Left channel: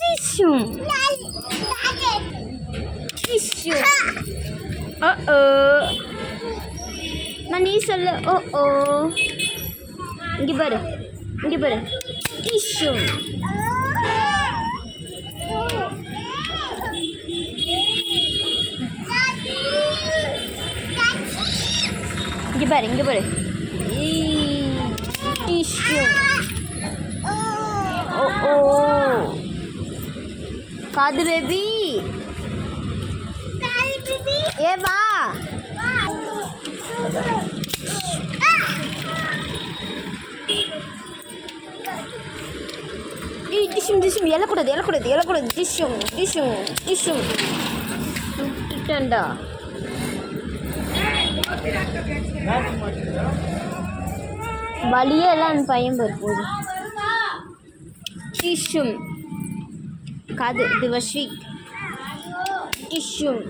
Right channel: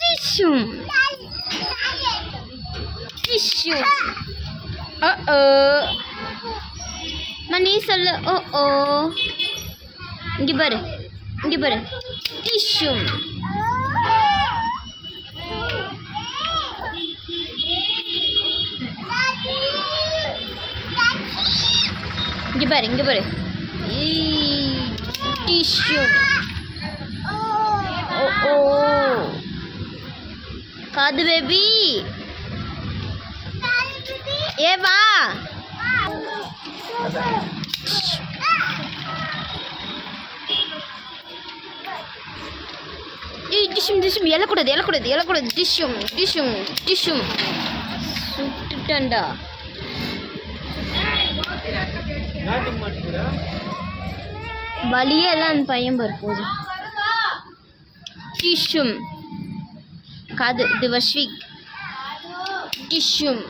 டிஷ்யூம் டிஷ்யூம் ஓ நீ சொல்லு ஓ இங்கே பாரு டிஷ்யூம் இங்கே பாரு டிஷ்யூம் ஓ காது பேபி ஏ வா டிஷ்யூம் எழக்கூடாது டிஷ்யூம் சுட்டுட்டேன்டா வலியே எல்லாம் அந்த பையன் போகுது டிஷ்யூம் காது இது வஷ்விக் டிஷ்யூம்